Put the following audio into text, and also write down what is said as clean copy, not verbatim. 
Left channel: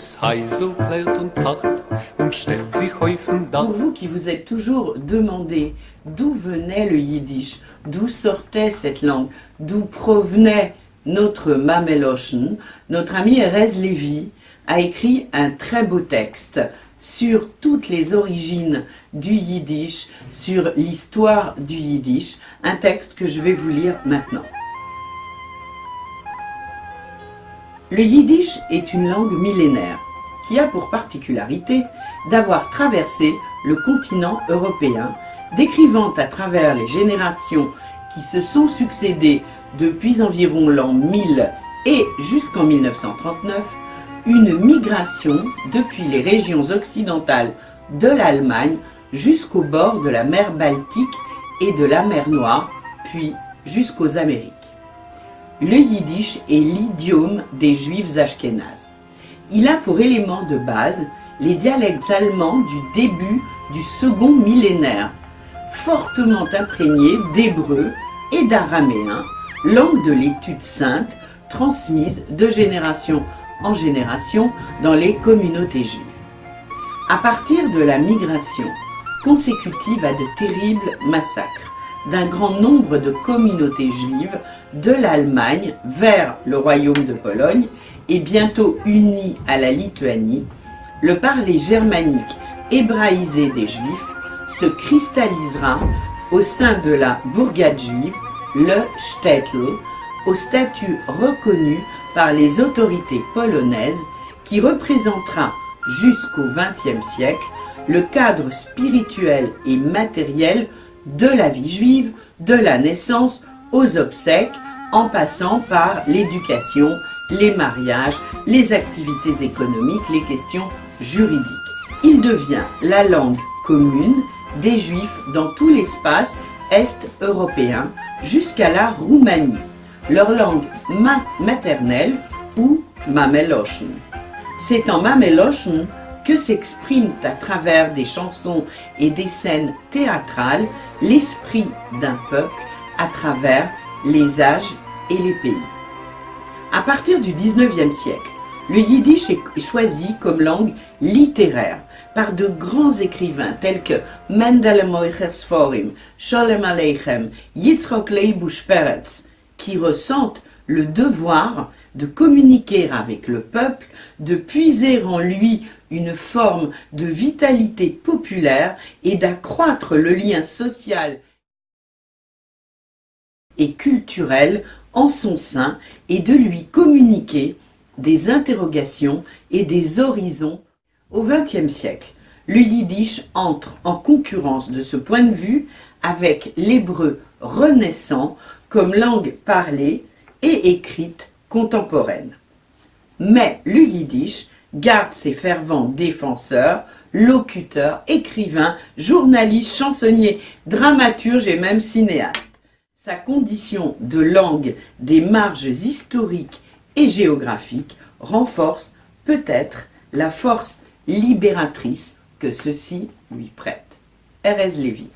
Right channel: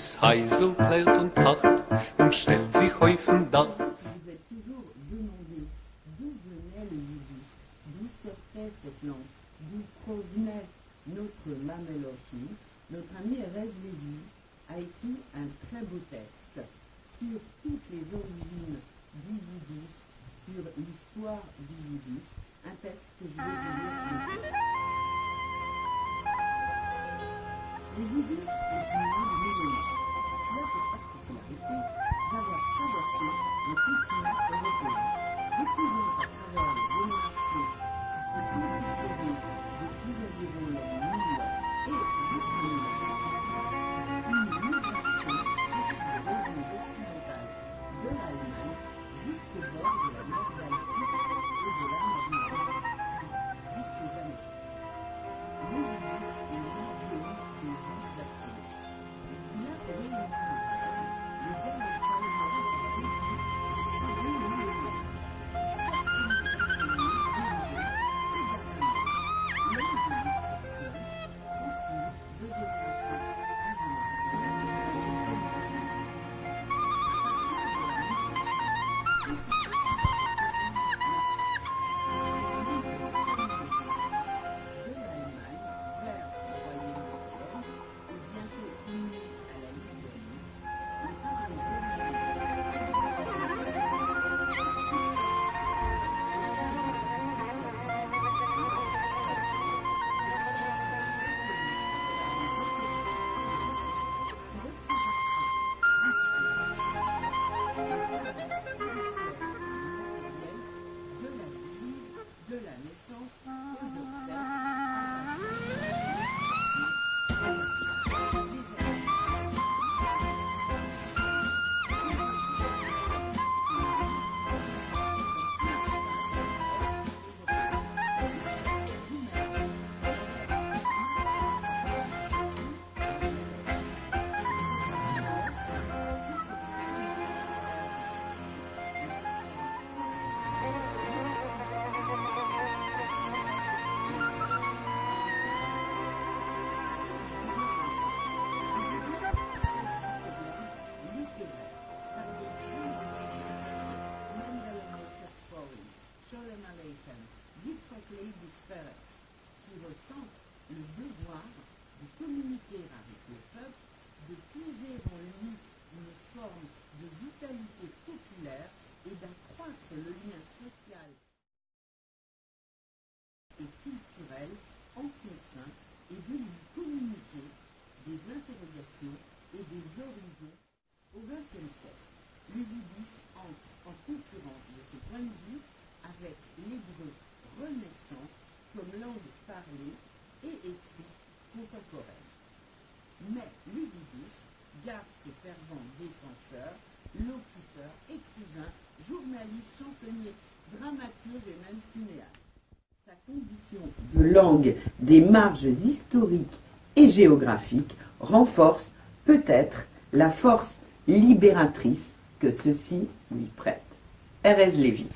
was Heisel klärt und tracht und stellt sich häufend Pour dar. vous qui vous êtes toujours demandé d'où venait le yiddish, d'où sortait cette langue, d'où provenait notre Mameloschen, notre ami Erez Lévy a écrit un très beau texte sur toutes les origines du yiddish, sur l'histoire du yiddish, un texte que je vais vous lire maintenant. Le yiddish est une langue millénaire qui a pour particularité d'avoir traversé le continent européen, décrivant à travers les générations qui se sont succédées depuis environ l'an 1000 et jusqu'en 1939, une migration depuis les régions occidentales de l'Allemagne jusqu'au bord de la mer Baltique et de la mer Noire, puis jusqu'aux Amériques. Le yiddish est l'idiome des juifs ashkénazes. Il a pour élément de base les dialectes allemands du début du second millénaire, fortement imprégnés d'hébreu et d'araméen, langue de l'étude sainte transmise de génération en génération dans les communautés juives. À partir de la migration consécutive à de terribles massacres d'un grand nombre de communautés juives de l'Allemagne vers le royaume de Pologne et bientôt unis à la Lituanie, le parler germanique hébraïsé des Juifs se cristallisera au sein de la bourgade juive, le shtetl, au statut reconnu par les autorités polonaises qui représentera jusqu'au XXe siècle le cadre spirituel et matériel de la vie juive, de la naissance aux obsèques, en passant par l'éducation, les mariages, les activités économiques, les questions juridiques. Il devient la langue commune des Juifs dans tout l'espace est-européen jusqu'à la Roumanie, leur langue maternelle ou Mameloschen. C'est en Mameloschen que s'expriment à travers des chansons et des scènes théâtrales l'esprit d'un peuple à travers les âges et les pays. À partir du XIXe siècle, le yiddish est choisi comme langue littéraire par de grands écrivains tels que Mendele Moïchers Forim, Sholem Aleichem, Yitzhak Leibush Peretz, qui ressentent le devoir de communiquer avec le peuple, de puiser en lui une forme de vitalité populaire et d'accroître le lien social et culturel en son sein et de lui communiquer des interrogations et des horizons. Au XXe siècle, le yiddish entre en concurrence de ce point de vue avec l'hébreu renaissant comme langue parlée et écrite contemporaine. Mais le yiddish garde ses fervents défenseurs, locuteurs, écrivains, journalistes, chansonniers, dramaturges et même cinéastes. Sa condition de langue des marges historiques et géographiques renforce peut-être la force libératrice que ceux-ci lui prêtent. Erez Lévy.